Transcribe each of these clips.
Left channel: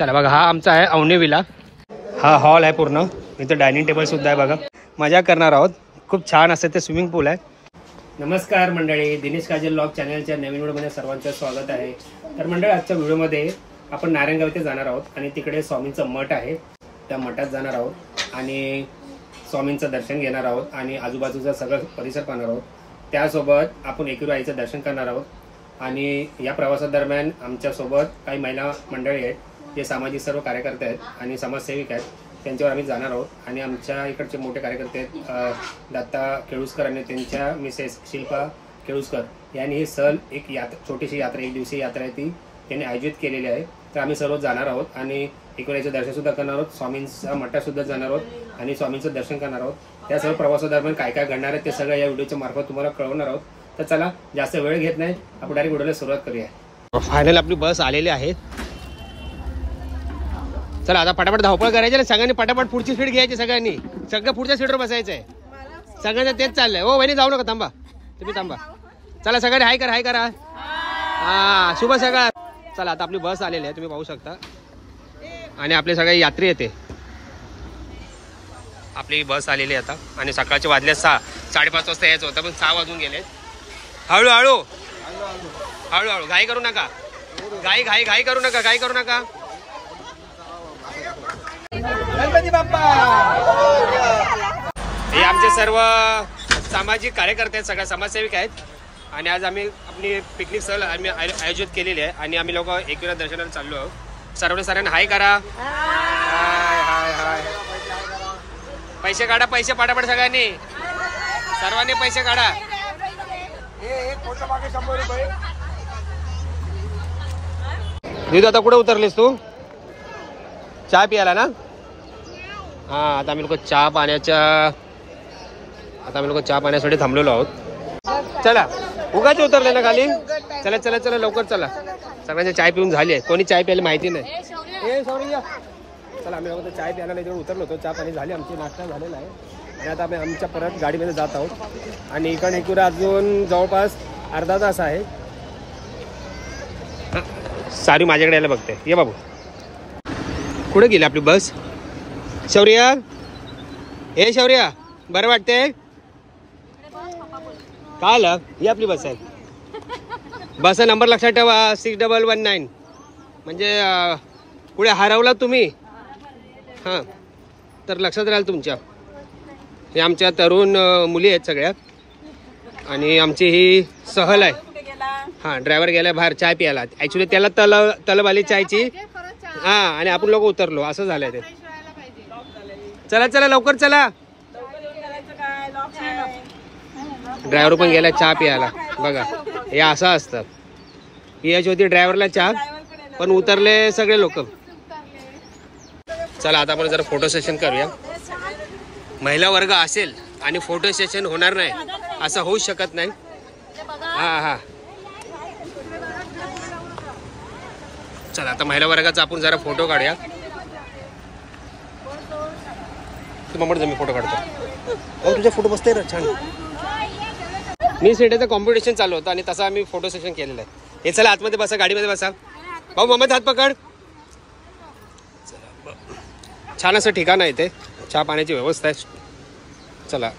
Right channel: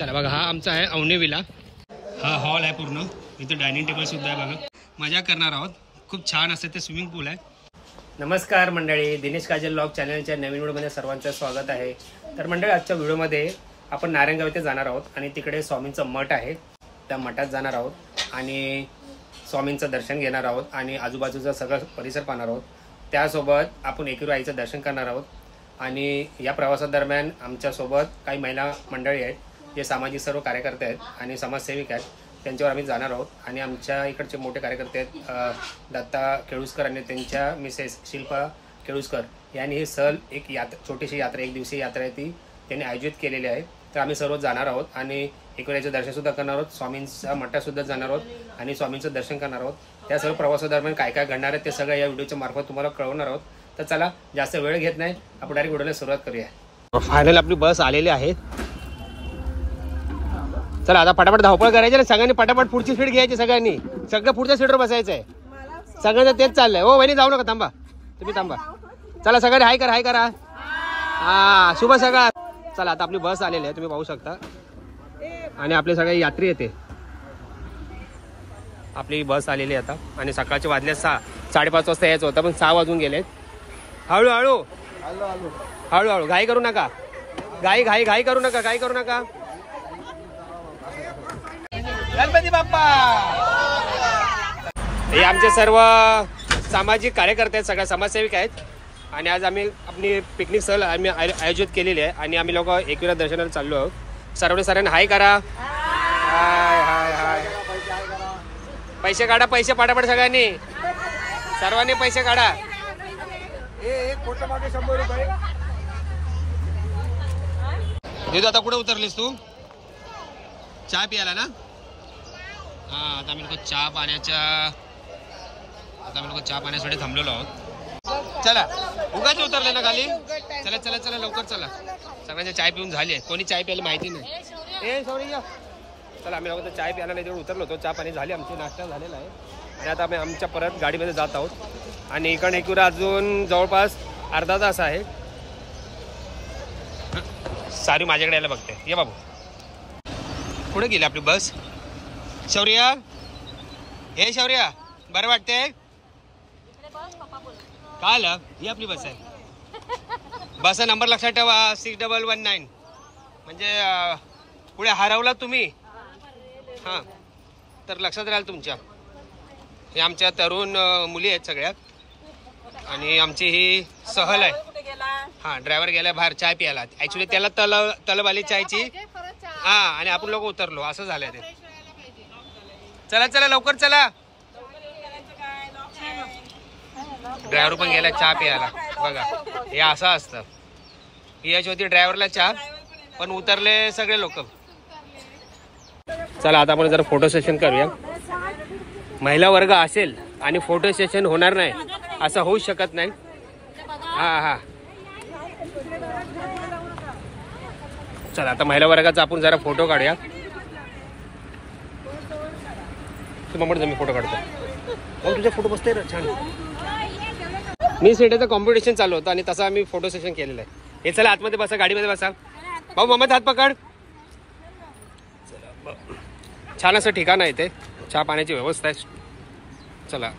चला बघा, हा आमचा आहे अवनी विला. हा हॉल आहे पूर्ण. इथं डायनिंग टेबल सुद्धा आहे बघा. मजा करणार आहोत. खूप छान असं ते स्विमिंग पूल आहे. नमस्कार मंडळी, दिनेश काजल व्लॉग चॅनलच्या नवीन व्हिडिओमध्ये सर्वांचं स्वागत आहे. तर मंडळी, आजच्या व्हिडिओमध्ये आपण नारायणगाव येथे जाणार आहोत आणि तिकडे स्वामींचं मठ आहे, त्या मठात जाणार आहोत आणि स्वामींचं दर्शन घेणार आहोत आणि आजूबाजूचा सगळं परिसर पाहणार आहोत. त्यासोबत आपण एकविरा आईचं दर्शन करणार आहोत. आणि या प्रवासादरम्यान आमच्यासोबत काही महिला मंडळी आहेत, जे सामाजिक सर्व कार्यकर्ते आहेत आणि समाजसेविक आहेत. त्यांच्यावर आम्ही जाणार आहोत. आणि आमच्या इकडचे मोठे कार्यकर्ते आहेत दत्ता केळुसकर आणि त्यांच्या मिसेस शिल्पा केळुसकर यांनी ही सहल एक छोटीशी यात्रा, एक दिवसीय यात्रा आहे, ती त्यांनी आयोजित केलेली आहे. तर आम्ही सर्व जाणार आहोत आणि एकविराचं दर्शन सुद्धा करणार आहोत, स्वामींचा मठात सुद्धा जाणार आहोत आणि स्वामींचं दर्शन करणार आहोत. त्या सर्व प्रवासादरम्यान काय काय घडणार आहे ते सगळं या व्हिडिओच्या मार्फत तुम्हाला कळवणार आहोत. तर चला, जास्त वेळ घेत नाही, आपण डायरेक्ट व्हिडिओला सुरुवात करूया. फायनल आपली बस आलेली आहे. चला आता पटापट धावपळ करायची ना सगळ्यांनी, पटापट पुढची सीट घ्यायची सगळ्यांनी, सगळं पुढच्या सीटवर बसायचंय. सगळ्यांचं तेच चाललंय. हो वहिनी जाऊ नका, थांबा, तुम्ही थांबा. चला सगळ्यांनी हाय करा. हा, शुभ सकाळ. चला आता आपली बस आलेली आहे, तुम्ही पाहू शकता. आणि आपले सगळे यात्री येते. आपली बस आलेली आहे आता आणि सकाळचे वाजले 6, 5:30 वाजता यायचं होतं, पण 6 वाजून गेले. हळूहळू घाई करू नका, घाई करू नका. गणपती बाप्पा. हे आमचे सर्व सामाजिक कार्यकर्ते आहेत, सगळ्या समाजसेविक आहेत. आणि आज आम्ही आपली पिकनिक सहल आम्ही आयोजित केलेली आहे आणि आम्ही लोक एकविरा दर्शनाला चाललो आहोत. सर्वांना हाय करा. हाय. पैसे काढा, पैसे पटापट सर्वांनी पैसे काढा. आता कुठे उतरलीस तू? चहा पियाला ना? हा, आता आम्ही लोक चहा पाण्यासाठी थांबलेलो आहोत. चला, उगाच उतरले ना खाली. चला लवकर चला. सगळ्यांची चाय पिऊन झाली आहे. कोणी चाय प्यायला माहिती नाही. चला, आम्ही लोक चाय प्यायला नाही तेवढं उतरलो होतो. चहा पाणी झाली, आमची नाश्ता झालेला आहे. आणि आता आम्ही आमच्या परत गाडीमध्ये जात आहोत. आणि इकडे एकविरा अजून जवळपास अर्धा तास आहे. सारी माझ्याकडे यायला बघते. ये बाबू, कुठे गेली आपली बस? शौर्या, बरं वाटते का? आलं, ही आपली बस आहे. बसचा नंबर लक्षात ठेवा, 6119. म्हणजे पुढे हरवला तुम्ही, हां, तर लक्षात राहील तुमच्या. हे आमच्या तरुण मुली आहेत सगळ्या आणि आमची ही सहल आहे. हां, ड्रायव्हर गेला बाहेर चाय प्यायला. ऍक्च्युली त्याला तलब आली चायची. हां, आणि आपण लोक उतरलो, असं झालंय ते. चला लवकर चला. ड्रायव्हर पण गेला चहा प्यायला. बघा, हे असं असतं. याची होती ड्रायव्हरला चहा, पण उतरले सगळे लोक. चला आता आपण जरा फोटो सेशन करूया. महिला वर्ग असेल आणि फोटो सेशन होणार नाही असं होऊ शकत नाही. हा, चला आता महिला वर्गाचा आपण जरा फोटो काढूया. मी फोटो काढतो. तुझा फोटो बसतोय ना छान. मी सीटेचं कॉम्पिटिशन चालू होतं आणि तसं आम्ही फोटो सेशन केलेलं आहे. हे चला आतमध्ये बसा, गाडीमध्ये बसा. भाऊ मम्मीचा हात पकड. छान असं ठिकाण आहे ते, चहा पाण्याची व्यवस्था आहे. चला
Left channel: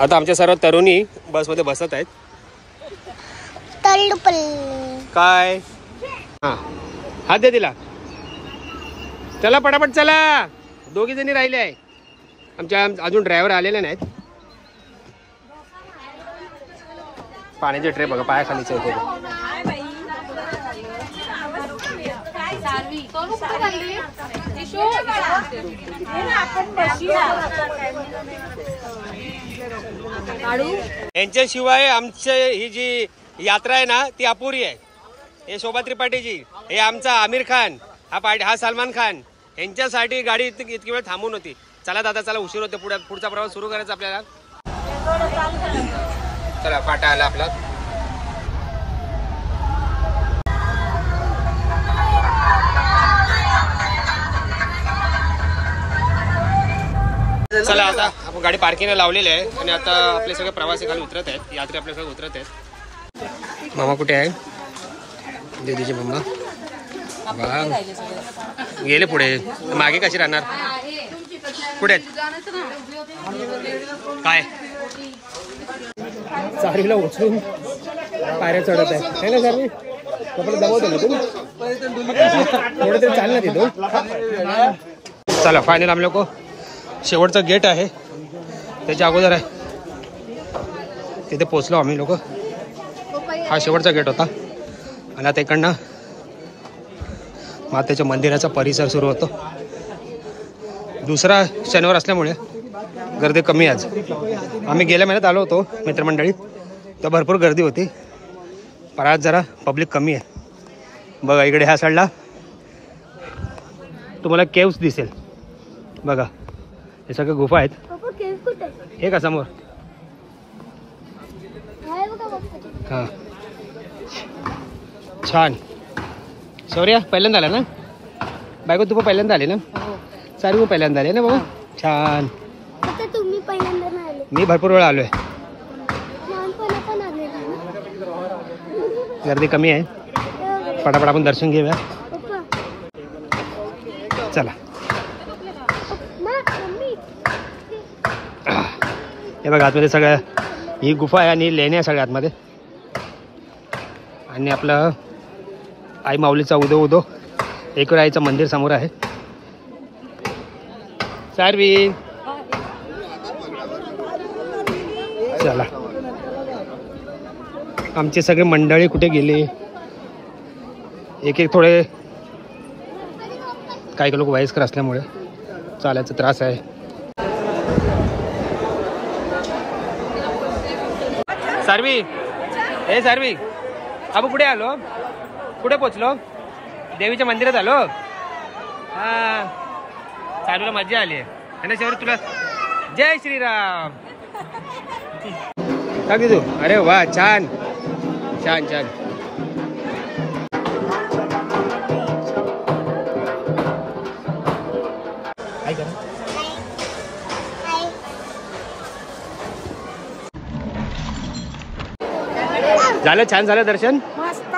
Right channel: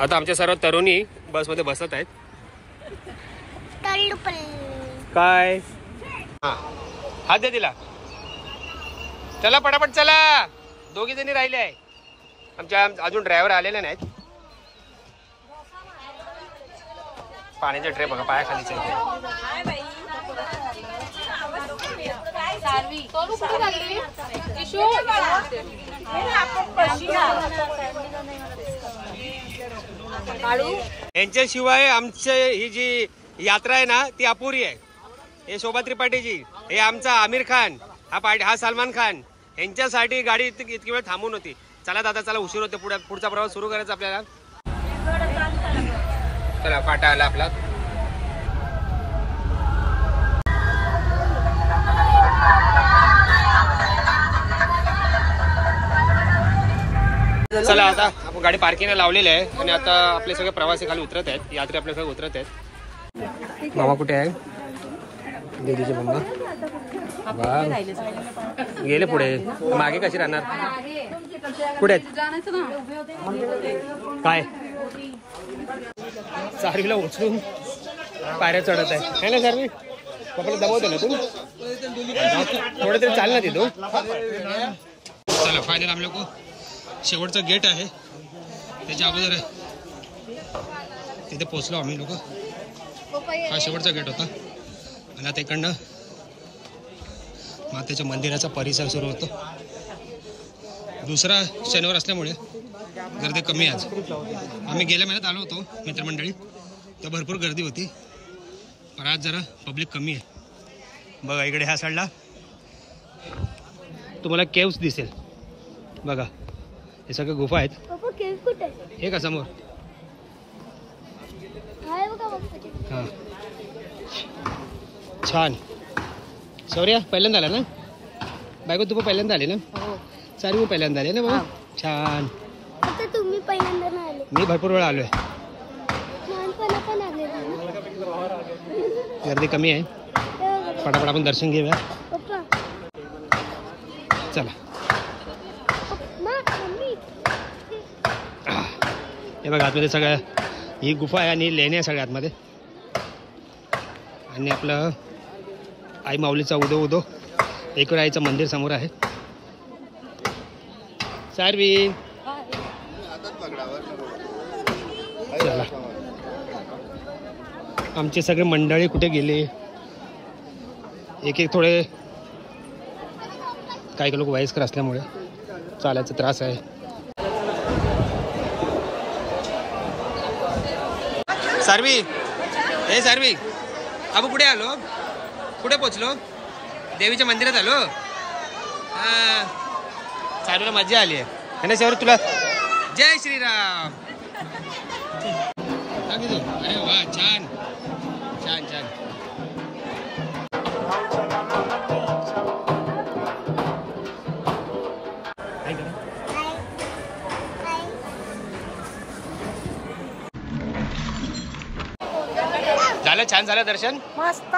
आता आमच्या सर्व तरुणी बसमध्ये बसत आहेत. काय हा, हात दे तिला. चला पटापट चला. 2 जणी राहिले आहे आमच्या, अजून ड्रायव्हर आलेले नाहीत. पाण्याचे ट्रे बघा, पायाखालीच आहे. यांच्याशिवाय आमची ही जी यात्रा आहे ना ती अपुरी आहे. हे शोभा त्रिपाठीजी, हे आमचा आमिर खान, हा सलमान खान, यांच्यासाठी गाडी इतकी वेळ थांबून होती. चला दादा चला, उशीर होते. पुढचा प्रवास सुरू करायचा आपल्याला. चला, फाटा आला आपला. चला आता आपण गाडी पार्किंगला लावलेली आहे आणि आता आपले सगळे प्रवासी खाली उतरत आहेत. यात्री आपले सगळे उतरत आहेत. मामा कुठे आहे? दीदीचे मम्मा. वा गेले पुढे, मागे कशी राहणार? पुढे काय सारवीला उचलून पायऱ्या चढत आहे ना सारवी? कपडे दबावतो ना तू, थोडं तरी चाल ना तिथून. चला फायनल आम्ही लोक शेवटचं गेट आहे त्याच्या अगोदर आहे तिथे पोचलो आम्ही लोक. हा शेवटचा गेट होता आणि आता इकडनं मातेच्या मंदिराचा परिसर सुरू होतो. दुसरा शनिवार असल्यामुळे गर्दी कमी आज. आम्ही गेल्या महिन्यात आलो होतो मित्रमंडळी, तर भरपूर गर्दी होती, पण आज जरा पब्लिक कमी आहे. बघा इकडे ह्या साईडला तुम्हाला केव्स दिसेल बघा, हे सगळे गुफा आहेत. हे का समोर? हां छान. शौर्या पहिल्यांदा आला ना? बायको तू पण पहिल्यांदा आले ना? सारी पहिल्यांदा आले ना बाबा? छान. तुम्ही पहिल्यांदा आले? मी भरपूर वेळा आलोय. गर्दी कमी आहे, फटाफट आपण दर्शन घेऊया. चला. हे बघा आतमध्ये सगळं ही गुफा आहे आणि लेण्या सगळ्या आतमध्ये. आणि आपलं आई माऊलीचा उदो उदो एकविरा आईचं मंदिर समोर आहे. सारवी चला, आमचे सगळे मंडळी कुठे गेले? एक एक थोडे काही लोक वयस्कर असल्यामुळे चालायचा त्रास आहे. सारवी, हे सारवी अबू कुठे आलो? कुठे पोचलो? देवीच्या मंदिरात आलो. हा सारवीला मजा आली आहे ना सर तुला? जय श्रीराम. का तू? अरे वा छान छान छान. काय करा? झालं छान झालं दर्शन?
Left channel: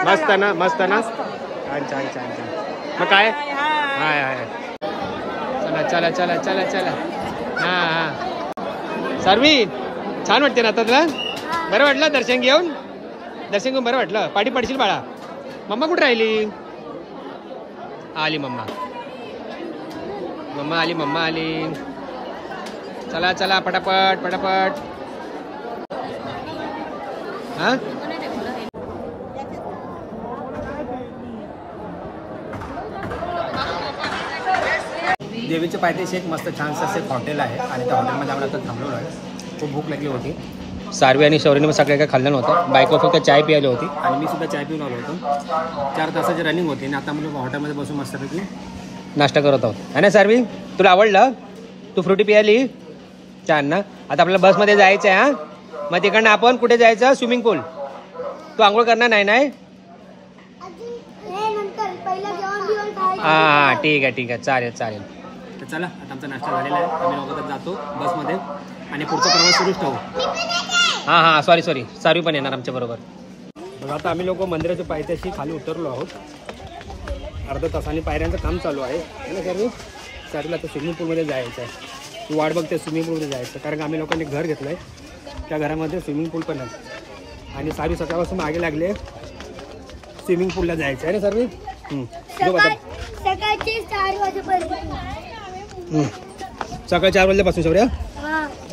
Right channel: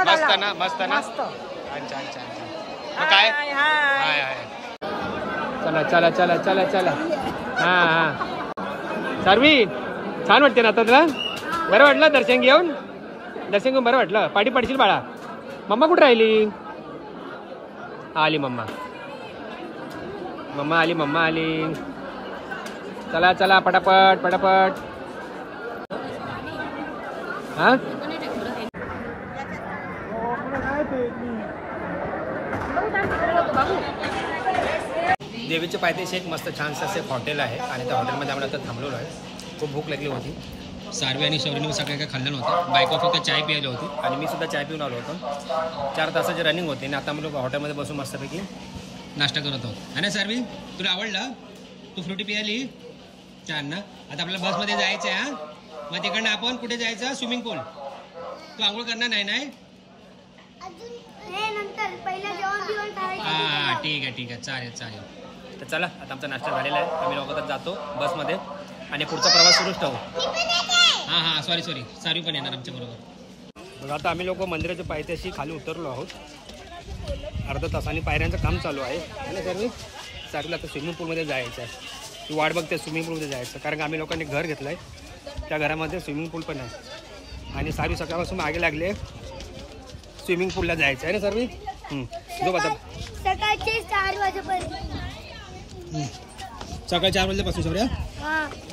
मस्त ना? मस्त ना? छान छान छान छान. मग काय? हाय हाय चला चला चला चला चला. हा हा सारवी छान वाटते ना आता तुला? बरं वाटलं दर्शन घेऊन? दर्शन घेऊन बरं वाटलं? पाठी पडशील बाळा. मम्मा कुठे राहिली? आली मम्मा. मम्मा आली, मम्मा आली. चला चला पटापट पटापट. हा देवीच्या पायथ्याशी एक मस्त छानसं असं एक हॉटेल आहे आणि त्या हॉटेलमध्ये आम्ही आता थांबलेलो आहे. खूप भूक लागली होती. सारवी आणि शौर्यने मग सगळं काही खाल्लं नव्हतं. बायको फक्त चाय प्यायली होती आणि मी सुद्धा चाय पिऊन आलो होतो. 4 तासाची रनिंग होती आणि आता आम्ही लोक हॉटेलमध्ये बसून मस्तपैकी नाश्ता करत आहोत. है ना सारवी? तुला आवडलं? तू फ्रुटी पियाली? छान ना? आता आपल्याला बसमध्ये जायचं आहे. हां मग तिकडनं आपण कुठे जायचं? स्विमिंग पूल. तू आंघोळ करणार नाही? नाही हां ठीक आहे ठीक आहे चालेल चालेल. तर चला आता आमचा नाश्ता झालेला आहे. आम्ही लोक जातो बसमध्ये आणि पुढचा प्रवास सुरूच ठेवू. हां हां सॉरी सॉरी सारवी पण येणार आमच्या बरोबर. बघा आता आम्ही लोक मंदिराच्या पायथ्याशी खाली उतरलो आहोत. अर्धा तासाने पायऱ्यांचं काम चालू आहे ना सारवी? सारवीला आता स्विमिंग पूलमध्ये जायचं आहे. ती वाट बघते स्विमिंग पूलमध्ये जायचं, कारण का आम्ही लोकांनी घर घेतलं आहे त्या घरामध्ये स्विमिंग पूल पण आहे आणि सारवी सकाळपासून मागे लागले स्विमिंग पूलला जायचं आहे ना सारवी? सकाळचे 4 वाजेपर्यंत. सकाळी 4 वाजल्यापासून शौर्या?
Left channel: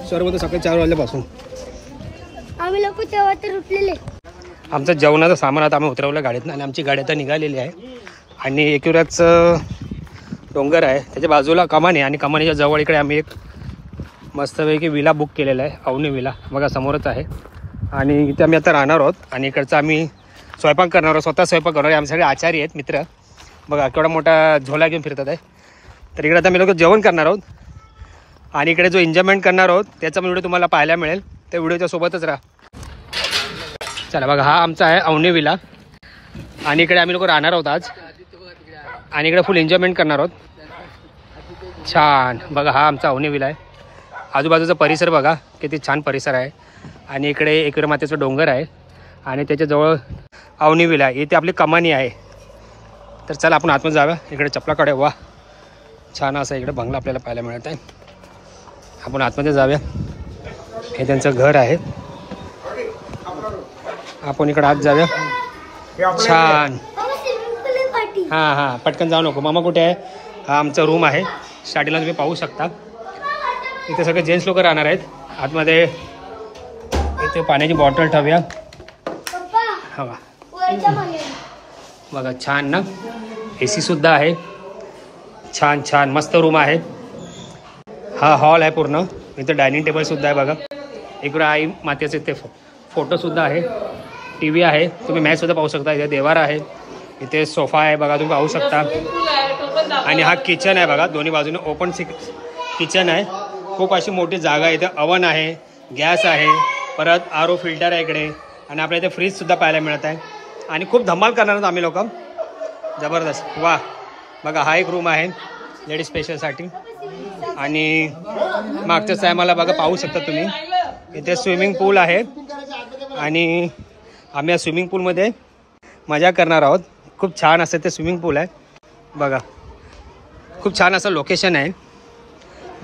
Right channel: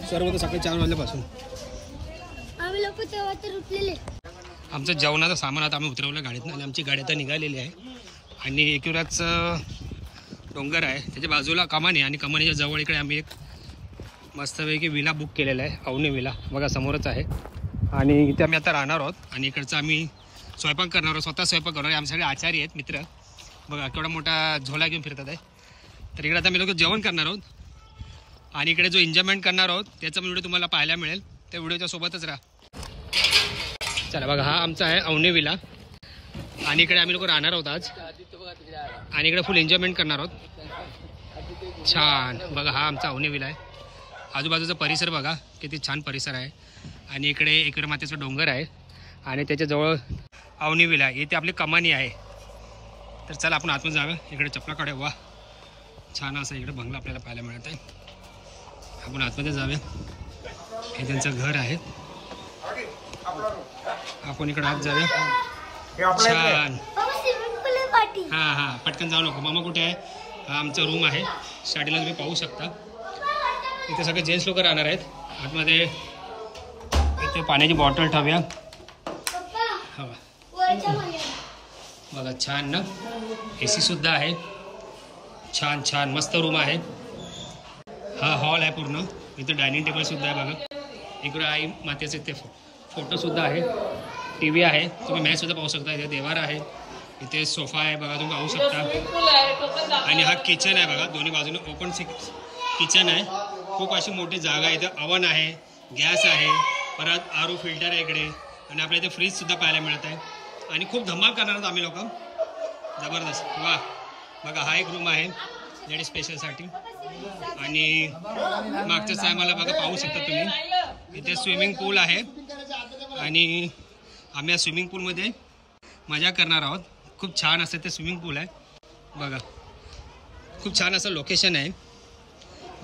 सर्व तर सकाळी 4 वाजल्यापासून आम्ही लोक तेव्हा तर उठलेले. आमचं जेवणाचं सामान आता आम्ही उतरवलं गाडीतनं आणि आमची गाडी आता निघालेली आहे. आणि एकविराचं डोंगर आहे त्याच्या बाजूला कमानी आणि कमानीच्या जवळ इकडे आम्ही एक मस्तपैकी विला बुक केलेला आहे. अवनी विला बघा समोरच आहे आणि इथे आम्ही आता राहणार आहोत. आणि इकडचं आम्ही स्वयंपाक करणार आहोत, स्वतः स्वयंपाक करणार आहे. आमचे सगळे आचारी आहेत मित्र. बघा केवढा मोठा झोला घेऊन फिरतात आहे. तर इकडे आता मी लोक जेवण करणार आहोत आणि इकडे जो एन्जॉयमेंट करणार आहोत त्याचा व्हिडिओ तुम्हाला पाहायला मिळेल. त्या व्हिडिओच्या सोबतच राहा. चला बघा हा आमचा आहे अवनी विला आणि इकडे आम्ही लोक राहणार आहोत आज आणि इकडे फुल एन्जॉयमेंट करणार आहोत. छान बघा हा आमचा अवनी विला आहे. आजूबाजूचा परिसर बघा किती छान परिसर आहे. आणि इकडे एकविरा मातेचं डोंगर आहे आणि त्याच्याजवळ अवनी विला. इथे आपली कमानी आहे. तर चला आपण आतमध्ये जाऊया. इकडे चपलाकडे वा छान असं इकडे बंगला आपल्याला पाहायला मिळत आहे. आपण आतमध्ये जाऊया. हे त्यांचं घर आहे. आपण इकडे आत जाऊया. छान. हां हां पटकन जाऊ नको. मामा कुठे आहे? हा आमचा रूम आहे. स्टार्टिंगला तुम्ही पाहू शकता. इथे सगळे जेंट्स लोक राहणार आहेत. आतमध्ये इथे पाण्याची बॉटल ठेवूया. हवा बघा छान ना. AC सुद्धा आहे. छान छान मस्त रूम आहे. हा हॉल आहे पूर्ण. इथे डायनिंग टेबल सुद्धा आहे बघा. इकडे आई मातेचे इथे फोटो सुद्धा आहे. TV आहे. तुम्ही मॅच सुद्धा पाहू शकता. इथे देवार आहे. इथे सोफा आहे बघा तुम्ही पाहू शकता. आणि हा किचन आहे बघा. दोन्ही बाजूने ओपन किचन आहे. खूप अशी मोठी जागा आहे. इथे अवन आहे, गॅस आहे, परत RO फिल्टर आहे इकडे. आणि आपल्या इथे फ्रीज सुद्धा पाहायला मिळत आहे. आणि खूप धमाल करणार आहोत आम्ही लोक. जबरदस्त. वा बघा हा एक रूम आहे लेडीज स्पेशलसाठी. आणि मागच्याच टायमाला बघा पाहू शकता तुम्ही इथे स्विमिंग पूल आहे. आणि आम्ही या स्विमिंग पूलमध्ये मजा करणार आहोत. खूप छान असं ते स्विमिंग पूल आहे बघा. खूप छान असं लोकेशन आहे.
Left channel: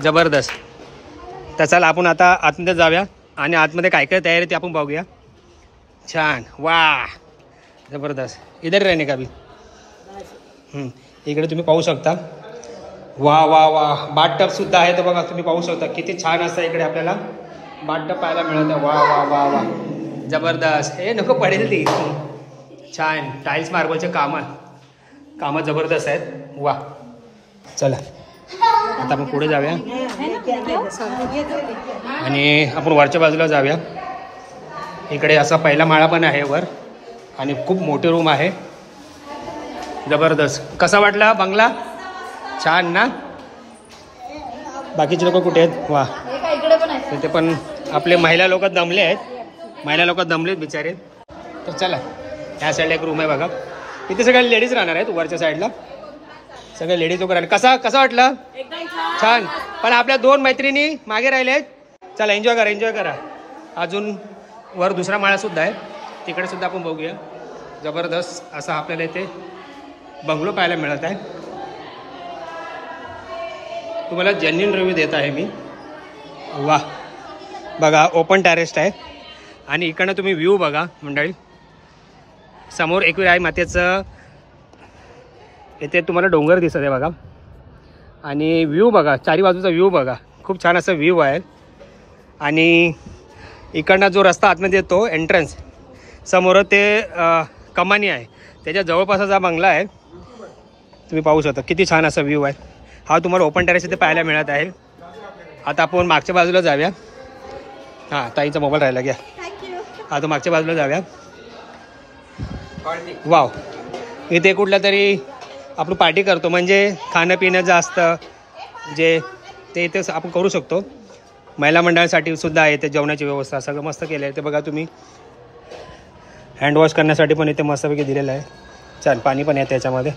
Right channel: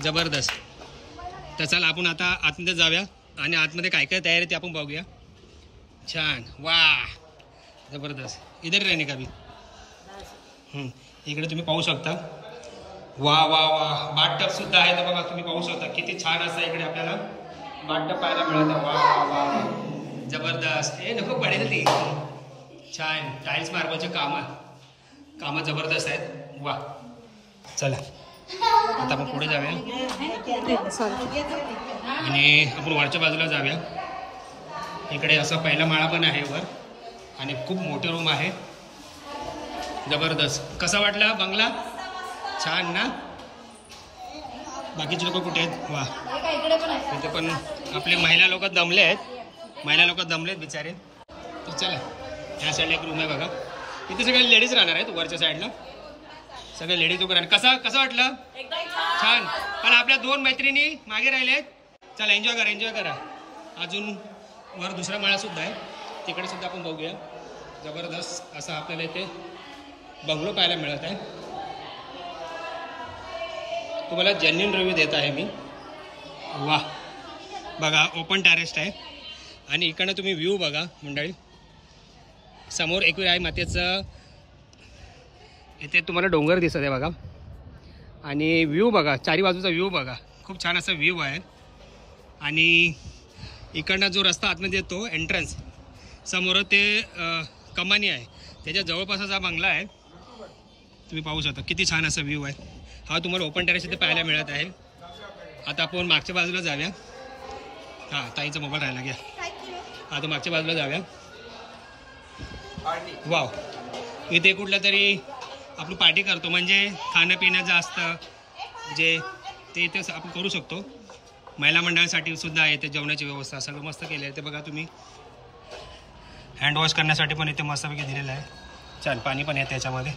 जबरदस्त. तर चला आपण आता आतमध्ये जाऊया आणि आतमध्ये काय काय तयारी ते आपण बघूया. छान वा जबरदस्त. इधर रहने का भी. इकडे तुम्ही पाहू शकता. वा वा वा बाथटब सुद्धा आहे. तर बघा तुम्ही पाहू शकता किती छान असं इकडे आपल्याला बाथटब पाहायला मिळत आहे. वा वा वा वा जबरदस्त. हे नको पडेल ती. छान टाईल्स मार्बलचे कामं जबरदस्त आहेत. वा चला आता आपण पुढे जाऊया आणि आपण वरच्या बाजूला जाऊया. इकडे असा पहिला माळा पण आहे वर. आणि खूप मोठे रूम आहे. जबरदस्त. कसा वाटला बंगला? छान ना. बाकीचे लोक कुठे आहेत? वा तिथे पण आपले महिला लोक दमले आहेत. महिला लोक दमलेत बिचारे. तर चला ह्या साईडला एक रूम आहे बघा. इथे सगळ्या लेडीज राहणार आहेत. वरच्या साईडला सगळे लेडीज लोक राहणार. कसं वाटलं? छान. पण आपल्या 2 मैत्रिणी मागे राहिले आहेत. चला एन्जॉय करा. अजून वर दुसरा माळा सुद्धा आहे. तिकडे सुद्धा आपण बघूया. जबरदस्त असा आपल्याला इथे बंगलो पाहायला मिळत आहे. तुम्हाला जेन्युइन रिव्ह्यू देत आहे मी. वा बघा ओपन टेरेस आहे. आणि इकडनं तुम्ही व्ह्यू बघा मंडळी. समोर एकवीर आई मातेचं इथे तुम्हाला डोंगर दिसत आहे बघा. आणि व्ह्यू बघा. चारी बाजूचा व्ह्यू बघा. खूप छान असा व्ह्यू आहे. आणि इकडनं जो रस्ता आतमध्ये येतो एंट्रन्स समोर ते कमानी आहे. त्याच्या जवळपासच हा बंगला आहे. तुम्ही पाहू शकता किती छान असा व्ह्यू आहे. हा तुम्हाला ओपन टेरेस इथे पाहायला मिळत आहे. आता आपण मागच्या बाजूला जाऊया. हां ताईचा मोबाईल राहिला घ्या. आता मागच्या बाजूला जाऊया. वाव इथे कुठल्या तरी आपण पार्टी करतो म्हणजे खाणं पिणं जास्त जे ते इथे आपण करू शकतो. महिला मंडळासाठी सुद्धा आहे इथे जेवणाची व्यवस्था सगळं मस्त केलं आहे. ते बघा तुम्ही हँडवॉश करण्यासाठी पण इथे मस्तपैकी दिलेलं आहे. छान पाणी पण आहे त्याच्यामध्ये.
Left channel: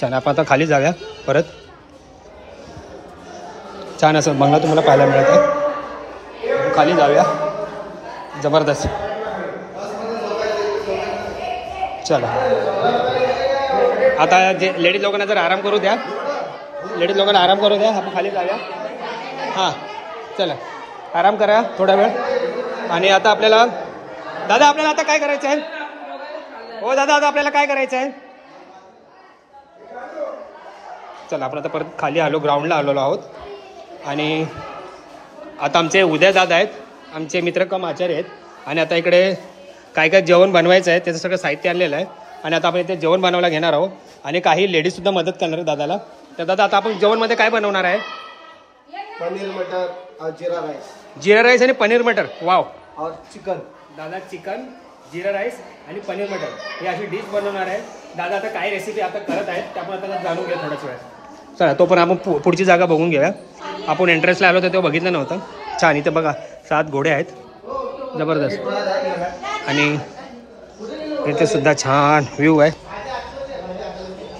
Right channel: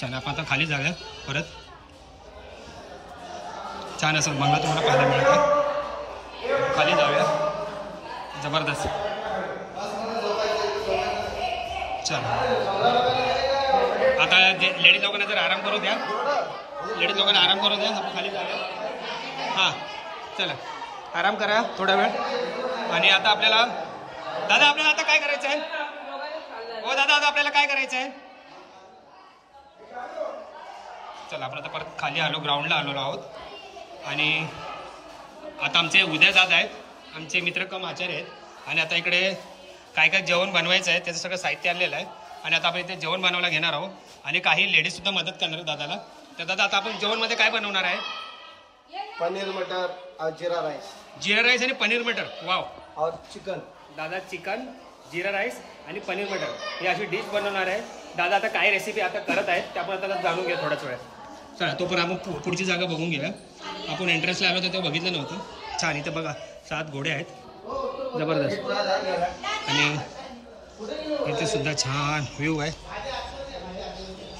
छान आपण आता खाली जाऊया परत. छान असं बंगला तुम्हाला पाहायला मिळत आहे. खाली जाऊया. जबरदस्त. चला आता जे लेडीज लोकांना जर आराम करू द्या. आपण खाली जाऊया. हां चला आराम करा थोडा वेळ. आणि आता आपल्याला आता काय करायचं आहे? हो दादा आता आपल्याला काय करायचं आहे? चला आपण आता परत खाली आलो. ग्राउंडला आलेलो आहोत. आणि आता आमचे उद्या दादा आहेत. आमचे मित्र कम आचार्य आहेत. आणि आता इकडे काय काय जेवण बनवायचं आहे त्याचं सगळं साहित्य आणलेलं आहे. आणि आता आपण इथे जेवण बनवायला घेणार आहोत. आणि काही लेडीज सुद्धा मदत करणार आहे दादाला. तर दादा आता आपण जेवणमध्ये काय बनवणार आहे? पनीर मटर और जीरा राइस. जीरा राईस आणि पनीर मटर. वाव. और चिकन. दादा चिकन जीरा राईस आणि पनीर मटर ही अशी डिश बनवणार आहे. दादा आता काय रेसिपी आता करत आहेत ते आपण आता जाणून घ्या थोड्याच वेळात. चला तो पण आपण पुढची जागा बघून घेऊया. आपण एंट्रन्सला आलो तर तेव्हा बघितलं नव्हतं. छान इथे बघा 7 घोडे आहेत. जबरदस्त. आणि इथे सुद्धा छान व्ह्यू आहे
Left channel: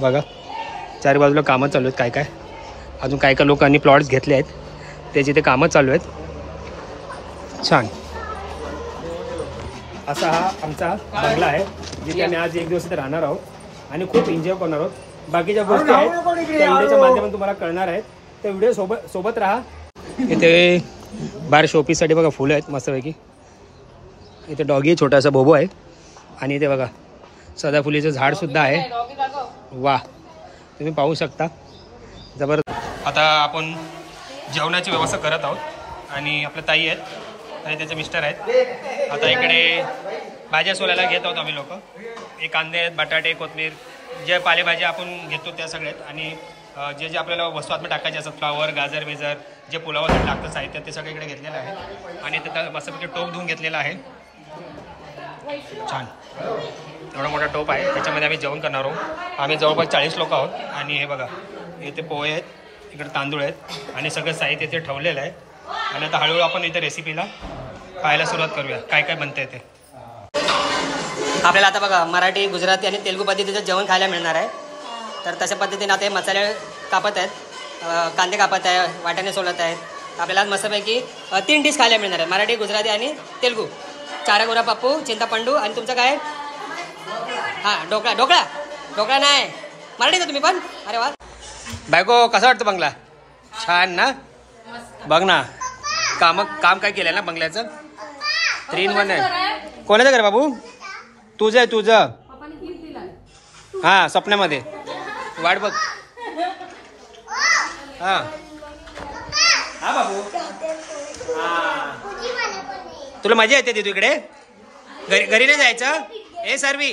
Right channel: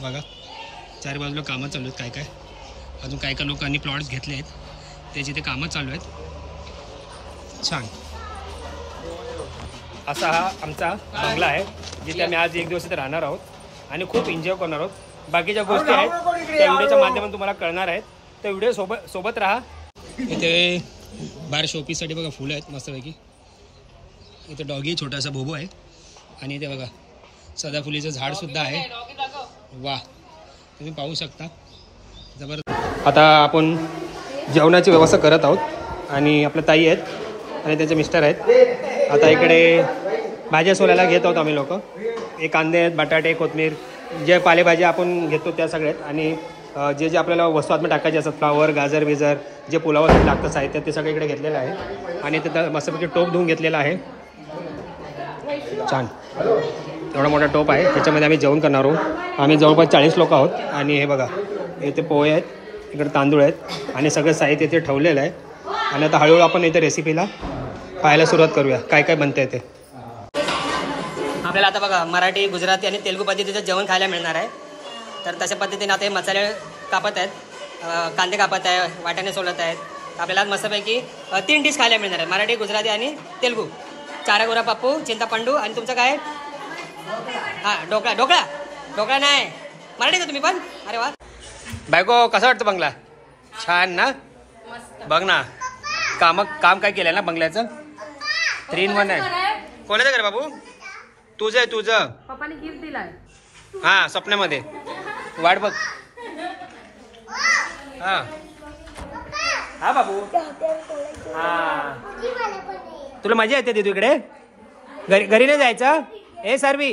बघा. चारी बाजूला कामं चालू आहेत. काय अजून काय लोकांनी प्लॉट्स घेतले आहेत त्याची ते कामं चालू आहेत. छान असा हा आमचा बंगला आहे जिथे आम्ही आज एक दिवस इथे राहणार आहोत. आणि खूप एन्जॉय करणार आहोत. बाकीच्या गोष्टी आहेत त्या व्हिडिओच्या माध्यमातून तुम्हाला कळणार आहेत. तर व्हिडिओ सोबत राहा. इथे बाहेर शोपीससाठी बघा फुलं आहेत मस्तपैकी. इथे डॉगी छोटासा बोबो आहे आणि इथे बघा सदाफुलीचं झाड सुद्धा आहे. वा, तुम्ही पाहू शकता जबरदस्त. आता आपण जेवणाची व्यवस्था करत आहोत आणि आपल्या ताई आहेत आणि त्यांचे मिस्टर आहेत. आता इकडे भाज्या सोलायला घेत आहोत आम्ही लोक. एक कांदे आहेत, बटाटे, कोथमीर, जे पालेभाज्या आपण घेतो त्या सगळ्यात आणि जे जे आपल्याला वस्तू आतमध्ये टाकायचे असतात फ्लावर, गाजर बिजर, जे पुलावासाठी लागतं साहित्य ते सगळं इकडे घेतलेलं आहे. आणि तिथं मस्तपैकी टोप धुवून घेतलेला आहे. छान एवढा मोठा टोप आहे. त्याच्यामध्ये आम्ही जेवण करणार आहोत. आम्ही जवळपास 40 लोक आहोत. आणि हे बघा इथे पोहे आहेत, इकडे तांदूळ आहेत आणि सगळं साहित्य इथे ठेवलेलं आहे. आणि आता हळूहळू आपण इथे रेसिपीला पाहायला सुरुवात करूया काय काय बनते ते. आपल्याला आता बघा मराठी, गुजराती आणि तेलुगू पद्धतीचं जेवण खायला मिळणार आहे. तर तशा पद्धतीने आता हे मसाले कापत आहेत, कांदे कापत आहे, वाटाणे सोलत आहेत. आपल्याला मस्तपैकी 3 डिश खायला मिळणार आहे, मराठी, गुजराती आणि तेलुगू. चारा गोरा पप्पू, चिंतापंडू आणि तुमचं काय? हां, ढोकळा नाही मराठीचं तुम्ही पण. अरे वा बायको, कसं वाटतं बंगला? छान ना? बघ ना काम काय केलंय ना बंगल्याचं. 3 in 1 आहे. कोणाचं घर बाबू? तुझं आहे तुझं. हा स्वप्नामध्ये वाट बघ. हा हा बाबू. हा तुला मजा येते तू इकडे घरी नाही जायचं? ए सारवी,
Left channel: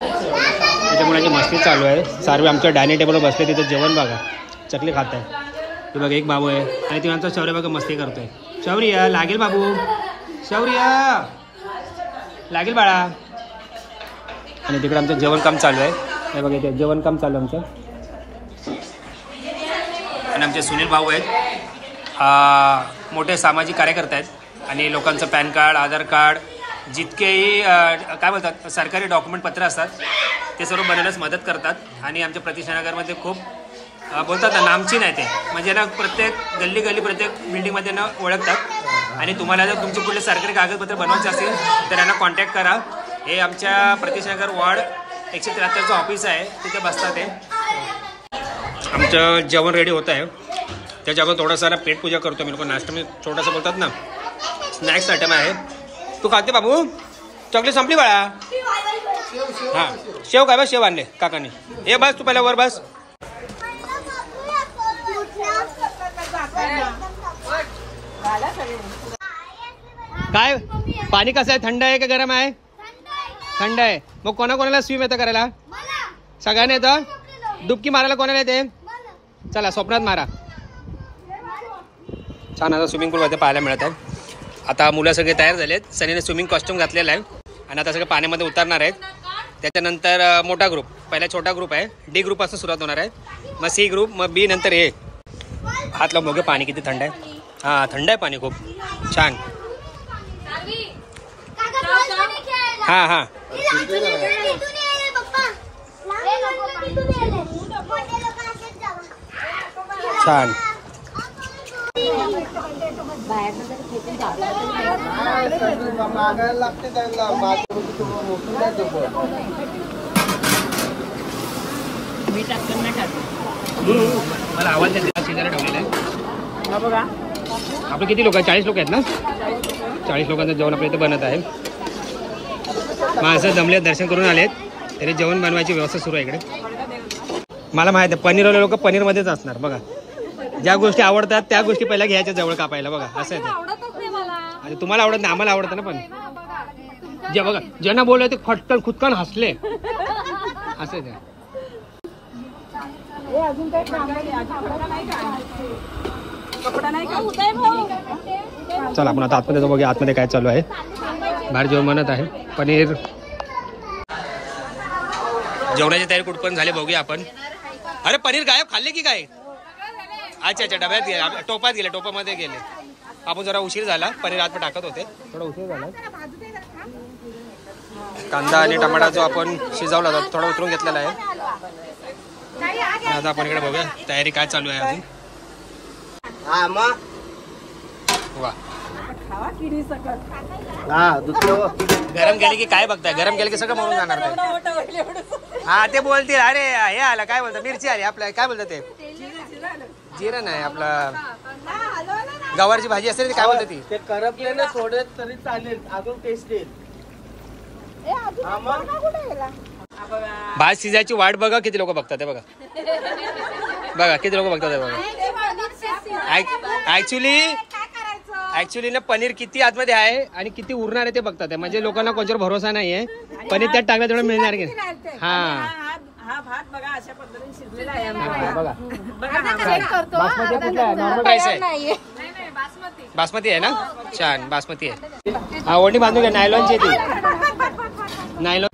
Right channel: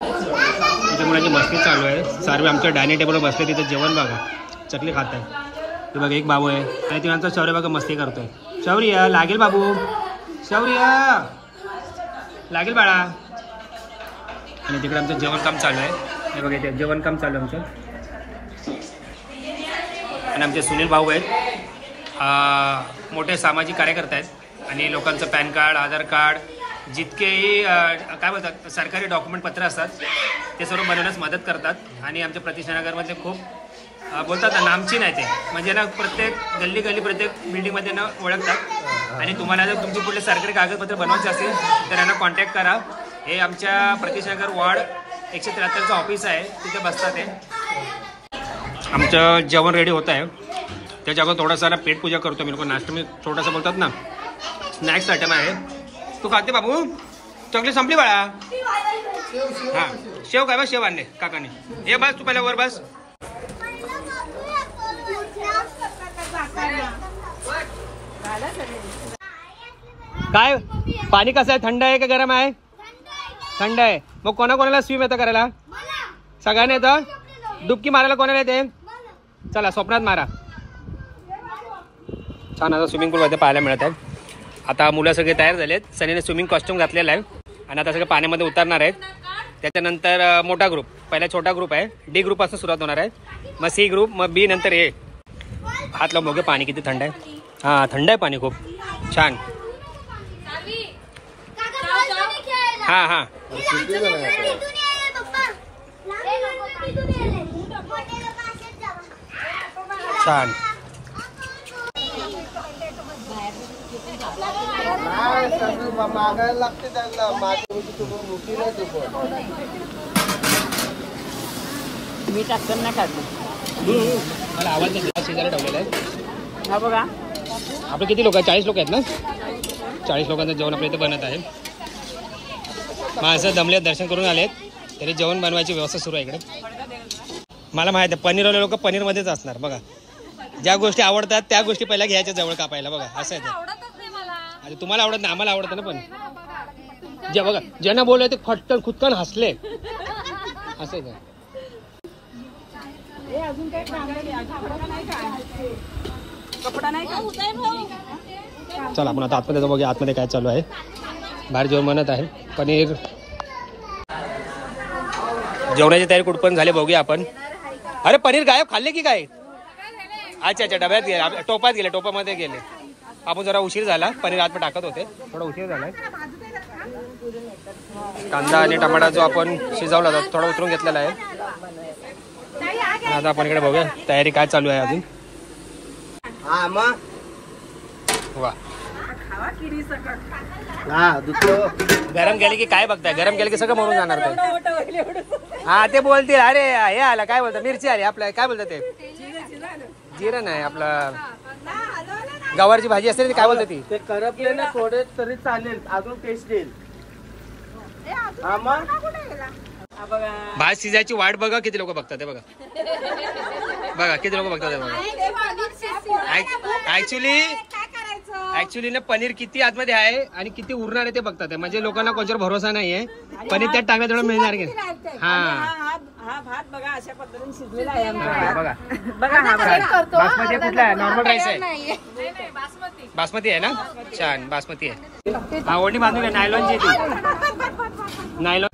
तिथे मुलांची मस्ती चालू आहे. सारवी आमच्या डायनिंग टेबलवर बसले, तिथे जेवण बघा चकली खात आहे. ते बघा एक बाबू आहे आणि ती नंतर शौर्य बघा मस्ती करतोय. शौर्य लागेल बाबू, शौर्य लागेल बाळा. आणि तिकडे आमचं जेवण काम चालू आहे. हे बघा इथे जेवण काम चालू आहे आमचं. आणि आमचे सुनील भाऊ आहेत, मोठे सामाजिक कार्यकर्ते आहेत आणि लोकांचं पॅन कार्ड, आधार कार्ड, जितकेही काय बोलतात सरकारी डॉक्युमेंट पत्र असतात ते सर्व बनवण्यास मदत करतात. आणि आमच्या प्रतिष्ठानगरमध्ये खूप बोलतात ना नामचीन आहे ते, म्हणजे ना प्रत्येक गल्ली प्रत्येक बिल्डिंगमध्ये ना ओळखतात. आणि तुम्हाला जर तुमचे कुठले सरकारी कागदपत्र बनवायचे असेल तर यांना कॉन्टॅक्ट करा. हे आमच्या प्रतिष्ठानगर वॉर्ड 173चं ऑफिस आहे, तिथे बसतात ते. आमचं जेवण रेडी होत आहे. त्याच्या अगोदर थोडासा पेट पूजा करतो मी लोक. नाश्ता मी छोटासा बोलतात ना स्नॅक्स आयटम आहे. तू खाते बाबू? चॉकलेट संपली बाळा? हां शेव काय बस, शेव आणले काकाने. हे बस तू पहिला वर बस. काय पाणी कसं आहे? थंड आहे का गरम आहे? थंड आहे. मग कोणाकोणाला स्विम येतं करायला? सगळ्यांना येतं. डुबकी मारायला कोणाला येते? चला स्वप्नात मारा. छान आता स्विमिंग पूल मध्ये पाहायला मिळत आहे. आता मुलं सगळे तयार झालेत. सनीने स्विमिंग कॉस्ट्युम घातलेला आहे आणि आता सगळे पाण्यामध्ये उतरणार आहेत. त्याच्यानंतर मोठा ग्रुप, पहिला छोटा ग्रुप आहे, डी ग्रुप पासून सुरुवात होणार आहे, मग सी ग्रुप, मग बी, नंतर ए. हात लावून बघू पाणी किती थंड आहे. हा थंड आहे पाणी खूप छान. हा हा छान. मला आवाज शेजारी ठेवलेला आहे. हा बघा आपले किती लोक आहेत? 40 लोक आहेत ना? 40 लोकांचं जेवण आपल्या इथे बनत आहे. माणसं दमले, दर्शन करून आलेत, तरी जेवण बनवायची व्यवस्था सुरू आहे इकडे. मला माहित आहे पनीरवाले लोक पनीरमध्येच असणार. बघा ज्या गोष्टी आवडतात त्या गोष्टी पहिल्या घ्यायच्या जवळ कापायला. बघा असं आहे ते. तुम्हाला आवडत नाही, आम्हाला आवडतं ना. पण जे बघा ज्यांना बोलले ते खटकन खुदकन हसले. असं आहे ते. चला आपण आता आतमध्ये जाऊ, बघूया आतमध्ये काय चालू आहे. बाहेर जेवण बनत आहे. पनीर जेवणाची तयारी कुठपर्यंत झाली बघूया आपण. अरे पनीर गायब, खाल्ले की काय? अच्छा अच्छा डब्यात गेले, टोपात गेले, टोपामध्ये गेले. आपण जरा उशीर झाला, पनीर आतमध्ये टाकत होते, थोडा उशीर झालाय. कांदा आणि टमाटा जो आपण शिजवला होता थोडा उतरून घेतलेला आहे. आता आपण इकडे बघूया तयारी काय चालू आहे अजून. वा गरम केले की काय बघताय? गरम केले की सगळं मरून जाणार ते. हा ते बोलतील अरे हे आला काय बोलतात मिरची आली आपल्या काय बोलतात ते जिरं नाही आपला गवारची भाजी असते ती काय बोलतात ती ते करपले ना थोडे तरी चालेल अजून टेस्ट येईल. भात शिजायची वाट बघा किती लोक बघतात ते बघा बघा किती लोक बघतात ते बघा. ऍक्च्युली ना पनीर किती आतमध्ये आहे आणि किती उरणार आहे ते बघतात आहे. म्हणजे लोकांना कोणत्यावर भरोसा नाहीये पनीर त्यात टाकलं तेवढं मिळणार की हा भात बघा अशा पद्धतीने शिजलेला आहे बघा बासमती कुठला आहे नॉर्मल राईस आहे बासमती आहे ना छान बासमती आहे हा ओढणी बांधून घ्या नायलॉनची ती नायलॉन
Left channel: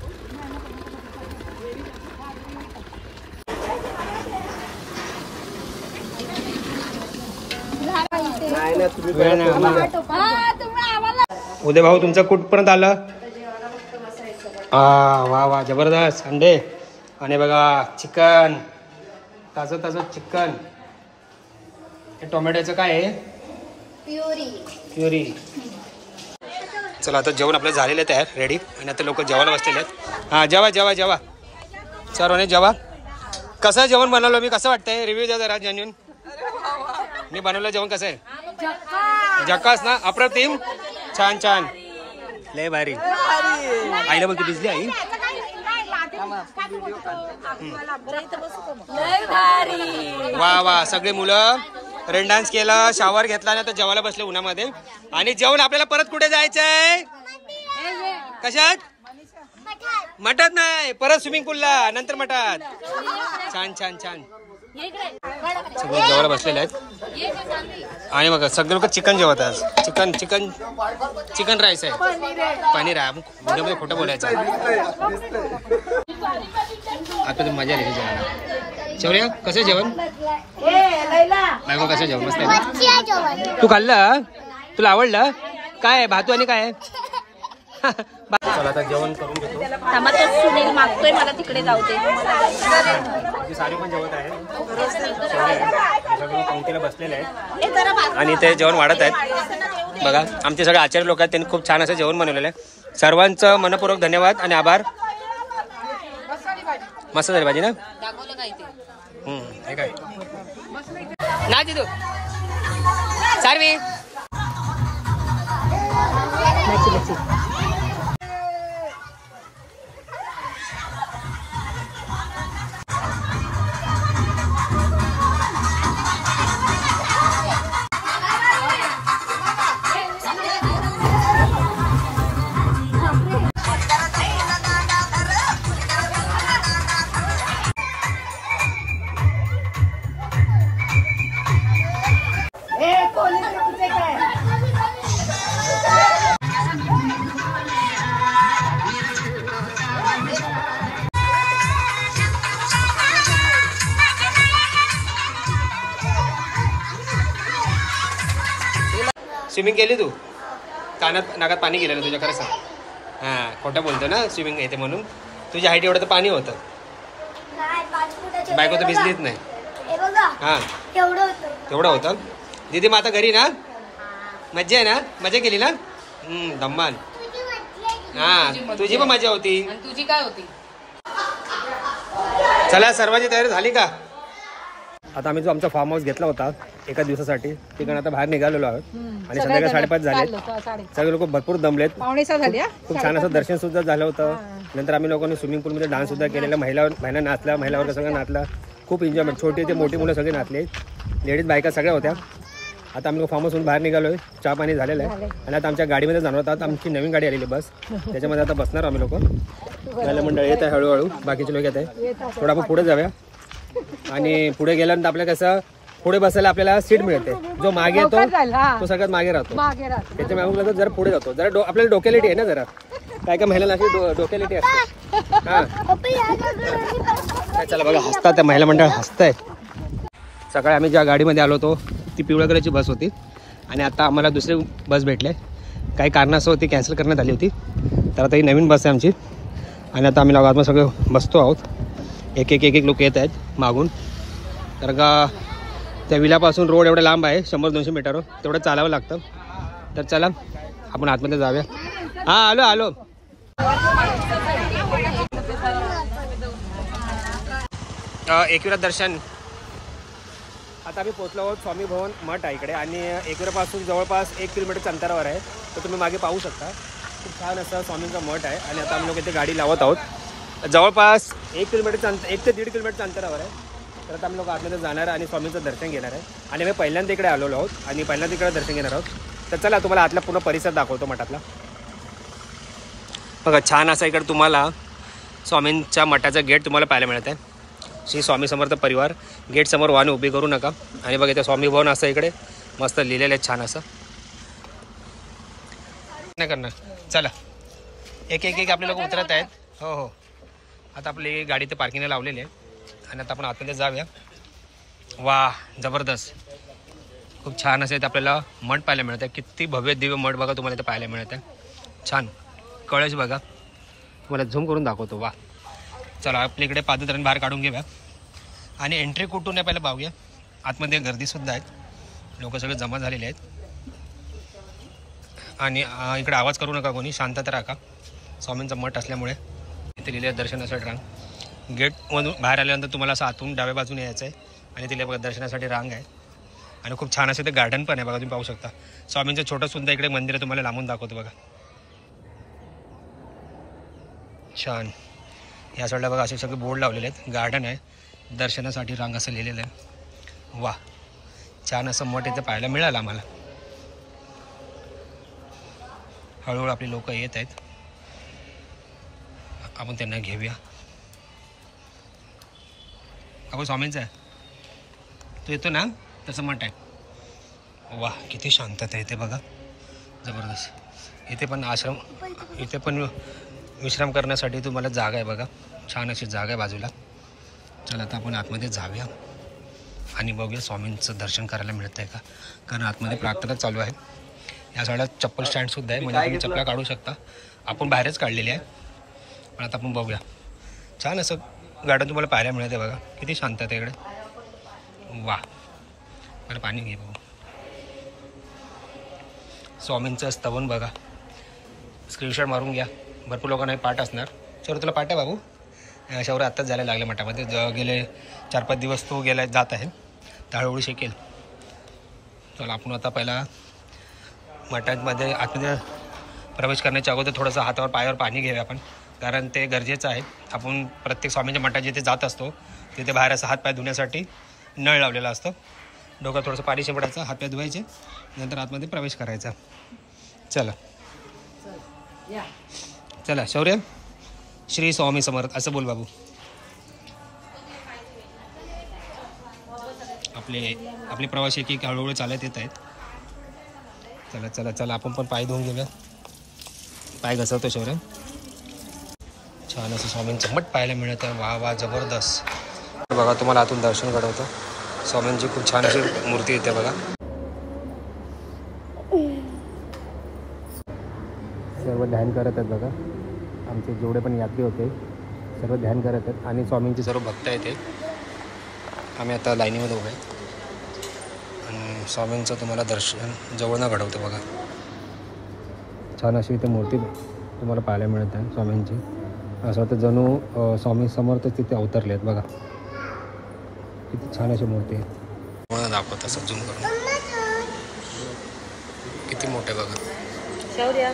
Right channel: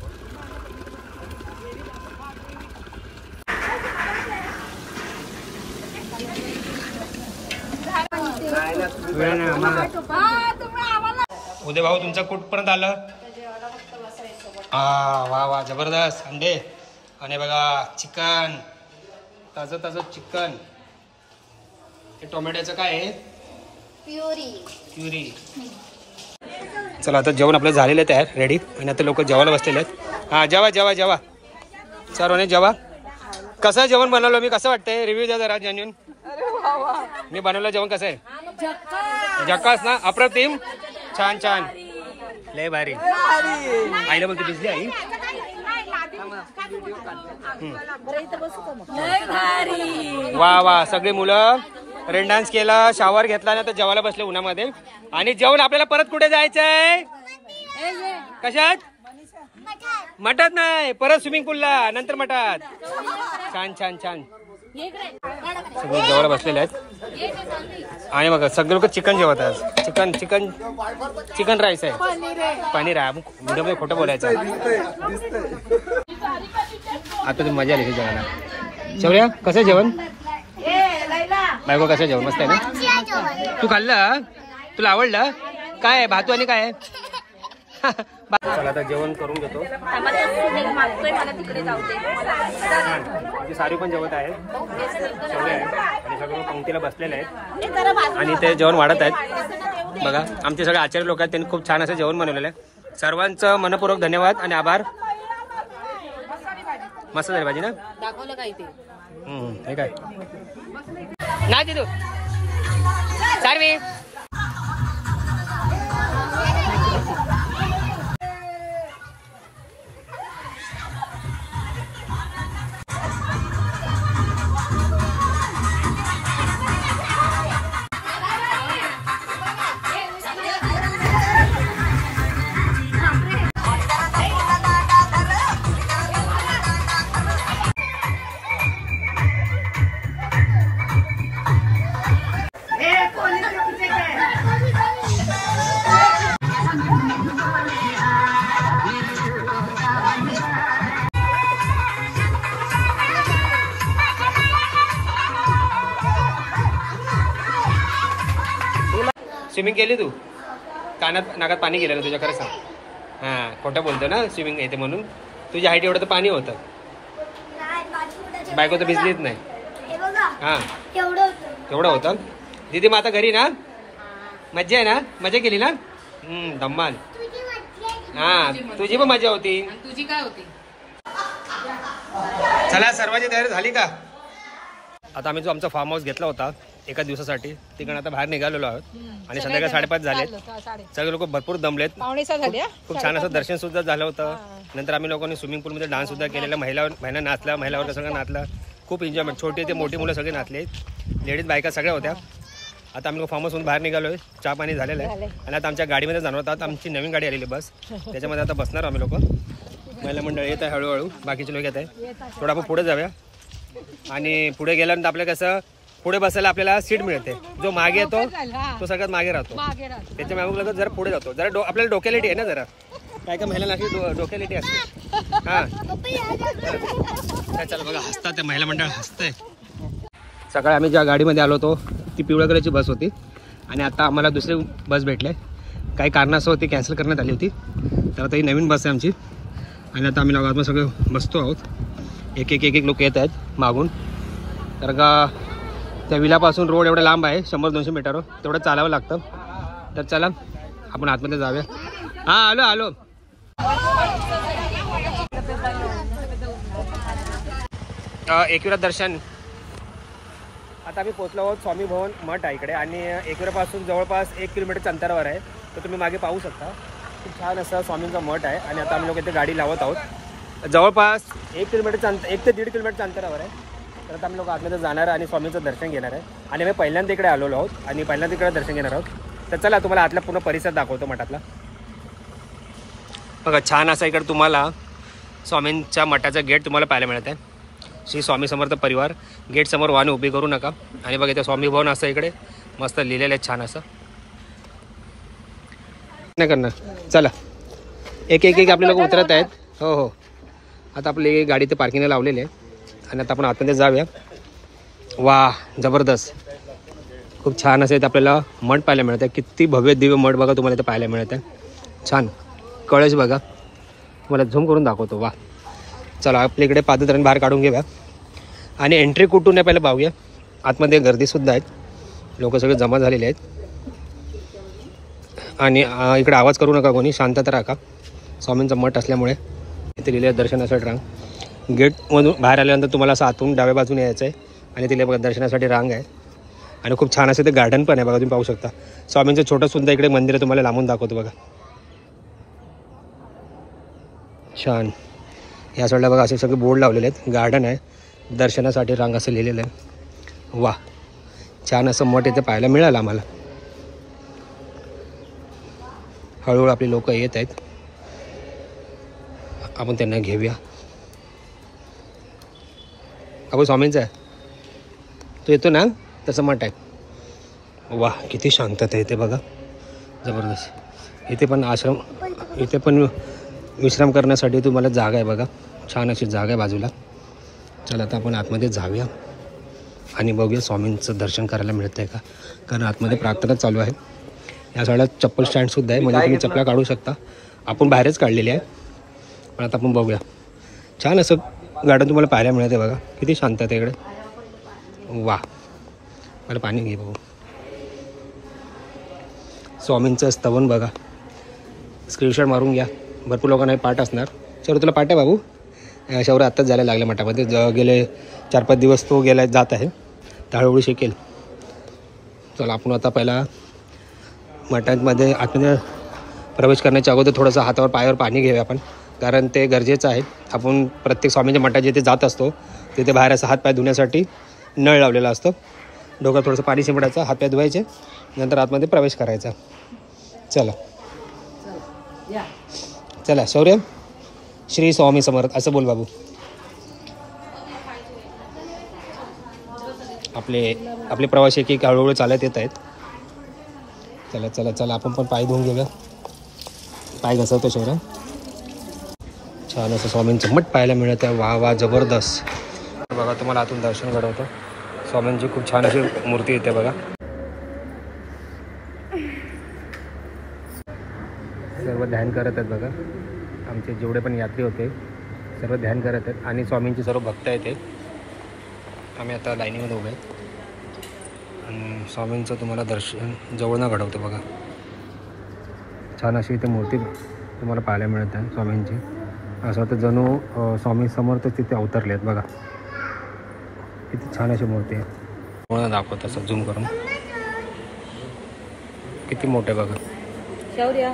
उदय भाऊ तुमचं कुठपर्यंत आलं वा वा जबरदस्त अंडे आणि बघा चिकन ताजं ताजं चिकन टोमॅटोचं काय आहे प्युरी. चला आता जेवण आपलं झालेलं आहे तयार रेडी आणि आता लोक जेवायला बसलेले आहेत. हा जेवा जेवा जेवा सर्वांनी जेवा. कसं जेवण बनवलं मी कसं वाटतंय रिव्ह्यू द्या जरा जेन्युइन. मी बनवलं जेवण कसं आहे झक्कास ना अप्रतिम छान छान लय भारी. आईला बोलतो भिजली आई वा वा सगळी मुलं रेन डान्स केला शावर घेतला ना तर जेवायला बसले उन्हामध्ये. आणि जेवण आपल्याला परत कुठे जायचंय कशात मठात नाही परत स्विमिंग पूलला नंतर मठात. छान छान छान सगळे जेवायला बसलेले आहेत आणि बघा सगळे लोक चिकन जेवत आहेत. चिकन चिकन चिकन राईस आहे पनीर आहे व्हिडिओमध्ये खोटं बोलायचं. आता तुम्ही मजा आली जेवायला. शेवल्या कसं जेवण बायको कसं जेवण मस्त आहे ना. तू खाल्लं तुला आवडलं काय आहे भातू आणि काय आहे. चला आता जेवण करून घेतो. सारी पण जेवत आहे शेवले आहे आणि सगळे पंक्तीला बसलेले आहेत आणि ते जेवण वाढत आहेत. बघा आमचे सगळे आचार्य लोक आहेत त्यांनी खूप छान असं जेवण बनवलेलं आहे. सर्वांचं मनपूर्वक धन्यवाद आणि आभार. मस्त झाली भाजी ना हे काय ना दिदू सारवी स्विमिंग केली तू कानात नाकात पाणी गेलं ना तुझ्या खरं सांग. हा खोटं बोलतो ना स्विमिंग येते म्हणून. तुझ्या हाईट एवढं तर पाणी होतं बायको तर भिजलीच नाही. हा तेवढं होतं दीदी मग आता घरी ना मज्जा आहे ना मजा केली ना धम्माल. हा तुझी पण मजा होती तुझी काय होती. चला सर्वांची तयारी झाली का. आता आम्ही जो आमचा फार्म हाऊस घेतला होता एका दिवसासाठी तिकडे आता बाहेर निघालेलो आहोत आणि संध्याकाळी 5:30 झाले. सगळे लोक भरपूर दमलेत. खूप छान असं दर्शन सुद्धा झालं होतं. नंतर आम्ही लोकांनी स्विमिंग पूलमध्ये डान्स सुद्धा केलेला. महिला नाचला महिला वर्ग सगळं नाचला. खूप एन्जॉयमेंट छोटे ते मोठी मुलं सगळे नाचले लेडीज बायका सगळ्या होत्या. आता आम्ही फार्म हाऊसहून बाहेर निघालोय चहा पाणी झालेलं आहे आणि आता आमच्या गाडीमध्ये जाणार होता. आमची नवीन गाडी आलेली बस त्याच्यामध्ये आता बसणार आम्ही लोक. महिला मंडळ येत आहे हळूहळू बाकीचे लोक येत आहे. थोडं आपण पुढे जाऊया आणि पुढे गेल्यानंतर आपल्याला कसं पुढे बसायला आपल्याला सीट मिळते. जो मागे येतो तो सगळ्यात मागे राहतो. त्याच्यामुळे जरा पुढे जातो. जरा आपल्याला डोक्यालिटी आहे ना जरा काय काय महिलांना अशी डोक्यालिटी असते. हा चला बघा हसतात त्या महिला मंडळ हसताय. सकाळी आम्ही ज्या गाडीमध्ये आलो होतो ती पिवळ्या कलरची बस होती आणि आता आम्हाला दुसरी बस भेटले. काही कारणास्तव ती कॅन्सल करण्यात आली होती तर आता ही नवीन बस आहे आमची आणि आता आम्ही आतमध्ये सगळे बसतो आहोत. एक एक एक एक लोक येत आहेत मागून तर का त्या विलापासून रोड एवढा लांब आहे 100-200 मीटर तेवढं चालावं लागतं. तर चला आपण आतमध्ये जाऊया. हा आलो आलो एकविरा दर्शन. आता आम्ही पोहोचलो आहोत स्वामी भवन मठ आहे इकडे आणि एकविरापासून जवळपास 1 किलोमीटरच्या अंतरावर आहे. तर तुम्ही मागे पाहू शकता खूप छान असं स्वामींचा मठ आहे. आणि आता आम्ही लोक इथे गाडी लावत आहोत. जवळपास 1 किलोमीटरच्या 1 ते 1.5 किलोमीटरच्या अंतरावर आहे. तर आता आम्ही लोक आतमध्ये जाणार आणि स्वामींचं दर्शन घेणार आहे. आणि आम्ही पहिल्यांदा इकडे आलेलो आहोत आणि पहिल्यांदा इकडे दर्शन घेणार आहोत. तर चला तुम्हाला आतला पूर्ण परिसर दाखवतो मठातला. बघा छान असा इकडे तुम्हाला स्वामींच्या मठाचा गेट तुम्हाला पाहायला मिळत आहे. श्री स्वामी समर्थ परिवार. गेट समोर वाहन उभी करू नका. आणि बघा इथे स्वामी भवन असं इकडे मस्त लिहिलेलं आहे छान असं. नाही करणार. चला एक एक एक आपले लोक उतरत आहेत. हो हो आता आपली गाडी ते पार्किंगला लावलेली आहे आणि आता आपण आतमध्ये जाऊया. वा जबरदस्त खूप छान असं इथे आपल्याला मठ पाहायला मिळत आहे. किती भव्य दिव्य मठ बघा तुम्हाला इथे पाहायला मिळत आहे. छान कळश बघा मला झूम करून दाखवतो. वा चला आपल्या इकडे पादत्राण बाहेर काढून घेऊया आणि एंट्री कुठून आहे पहिलं पाहूया. आतमध्ये गर्दीसुद्धा आहेत. लोक सगळे जमा झालेले आहेत. आणि इकडे आवाज करू नका कोणी शांतता राखा. स्वामींचा मठ असल्यामुळे इथे लिहिले दर्शनासाठी रांग. गेटमधून बाहेर आल्यानंतर तुम्हाला असं आतून डाव्या बाजूने यायचं आहे आणि तिथे बघा दर्शनासाठी रांग आहे. आणि खूप छान असं ते गार्डन पण आहे बघा तुम्ही पाहू शकता. स्वामींचं छोटं सुद्धा इकडे मंदिर आहे तुम्हाला लांबून दाखवतो बघा. छान या साईडला बघा असे सगळे बोर्ड लावलेले आहेत. गार्डन आहे दर्शनासाठी रांग असं लिहिलेलं आहे. वा छान असं मठ इथे पाहायला मिळालं आम्हाला. हळूहळू आपली लोक येत आहेत. आपण त्यांना घेऊया. आपण स्वामींचा आहे तो येतो ना तसं मठ आहे. वा किती शांतता आहे इथे बघा जबरदस्त. इथे पण आश्रम इथे पण विश्राम करण्यासाठी तुम्हाला जागा आहे बघा. छान अशी जागा आहे बाजूला. चला आता आपण आतमध्ये जाऊया आणि बघूया स्वामींचं दर्शन करायला मिळतंय का. कारण आतमध्ये प्रार्थना चालू आहे. या साईडला चप्पल स्टँडसुद्धा आहे म्हणजे तुम्ही चपला काढू शकता. आपण बाहेरच काढलेली आहे पण आता आपण बघूया. छान असं गार्डन तुम्हाला पाहायला मिळते बघा. किती शांत आहे इकडे. वा मला पाणी घे बघू. स्वामींचं स्तवन बघा. स्क्रीनशॉट मारून घ्या. भरपूर लोकांना पाठ असणार. सर तुला पाठ आहे बाबू. शौर्य आत्ताच जायला लागला मठामध्ये. गेले 4-5 दिवस तो गेला जात आहे. तर हळूहळू शिकेल. चला आपण आता पहिला मठामध्ये आतमध्ये प्रवेश करण्याच्या अगोदर थोडंसं हातावर पायावर पाणी घेऊया आपण. कारण ते गरजेचं आहे. आपण प्रत्येक स्वामींच्या मठात जिथे जात असतो तिथे बाहेर असं हातपाय धुण्यासाठी नळ लावलेला असतो. डोक्यात थोडंसं पाणी शिंपडायचं, हातपाय धुवायचे, नंतर आतमध्ये प्रवेश करायचा. चला चला शौर्य श्री स्वामी समर्थ असं बोल बाबू. आपले प्रवासी एक हळूहळू चालत येत आहेत. चला चला चला आपण पण पाय धुवून घेऊया. पाय घसरतो शौर्य. छान असं स्वामींचं मठ पाहायला मिळत आहे. वा वा जबरदस्त. बघा तुम्हाला आतून दर्शन घडवतं. स्वामींची खूप छान अशी मूर्ती येते बघा. सर्व ध्यान करत आहेत बघा. आमचे जेवढे पण यात्री होते सर्व ध्यान करत आहेत आणि स्वामींचे सर्व भक्त आहेत ते. आम्ही आता लाईनीमध्ये उभे आहेत आणि स्वामींचं तुम्हाला दर्शन जवळनं घडवतं बघा. छान अशी इथे मूर्ती तुम्हाला पाहायला मिळत आहे स्वामींची. असं वाटतं जणू स्वामी समर्थ तिथे अवतरले आहेत बघा. किती छान अशी मूर्ती आहे. जवळनं दाखवत असं झूम करून. किती मोठे बघा. शौर्य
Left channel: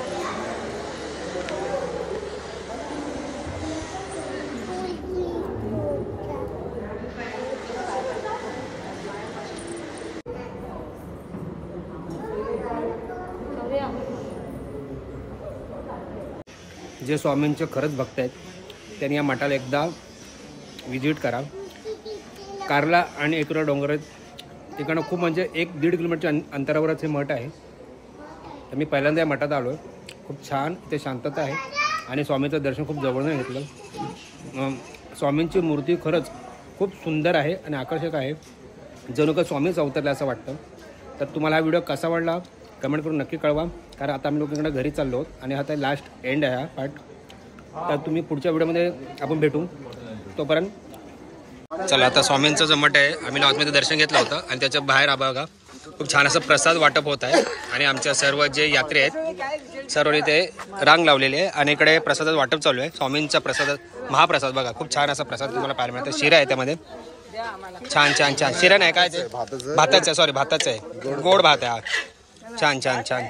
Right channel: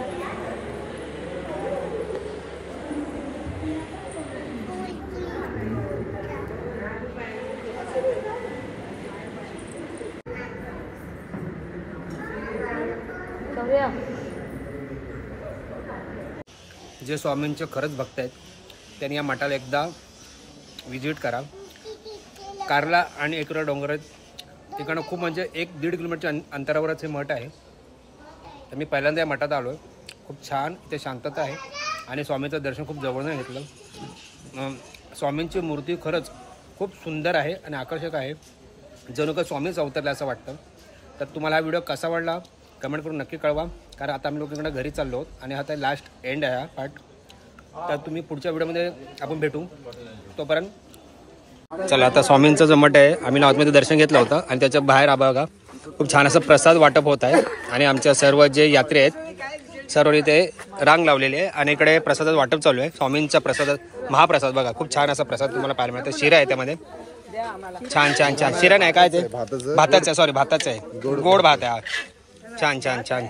जे स्वामींचे खरंच भक्त आहेत त्यांनी या मठाला एकदा विजिट करा. कारला आणि एकविरा डोंगर आहेत तिकडनं खूप म्हणजे 1-1.5 किलोमीटरच्या अंतरावरच हे मठ आहे. तर मी पहिल्यांदा या मठात आलो आहे. खूप छान इथे शांतता आहे आणि स्वामींचं दर्शन खूप जवळनं घेतलं. स्वामींची मूर्ती खरंच खूप सुंदर आहे आणि आकर्षक आहे. जणू का स्वामीच अवतरले असं वाटतं. तर तुम्हाला हा व्हिडिओ कसा वाटला कमेंट करून नक्की कळवा. कारण आता आम्ही लोकांकडे घरी चाललो आहोत आणि आता लास्ट एंड आहे हा पार्ट. तर तुम्ही पुढच्या व्हिडिओमध्ये आपण भेटू. तोपर्यंत चला आता स्वामींचं जो मठ आहे आम्ही आतमध्ये दर्शन घेतलं होतं आणि त्याच्या बाहेर बघा खूप छान असं प्रसाद वाटप होत आहे. आणि आमच्या सर्व जे यात्री आहेत सर्व इथे रांग लावलेली आहे आणि इकडे प्रसादाचं वाटप चालू आहे. स्वामींचा प्रसाद, महाप्रसाद बघा, खूप छान असा प्रसाद तुम्हाला पाहायला मिळतो. शिरा आहे त्यामध्ये, छान छान छान. शिरा नाही काय ते भाताचं, सॉरी भाताचं आहे, गोड भात आहे. छान छान छान.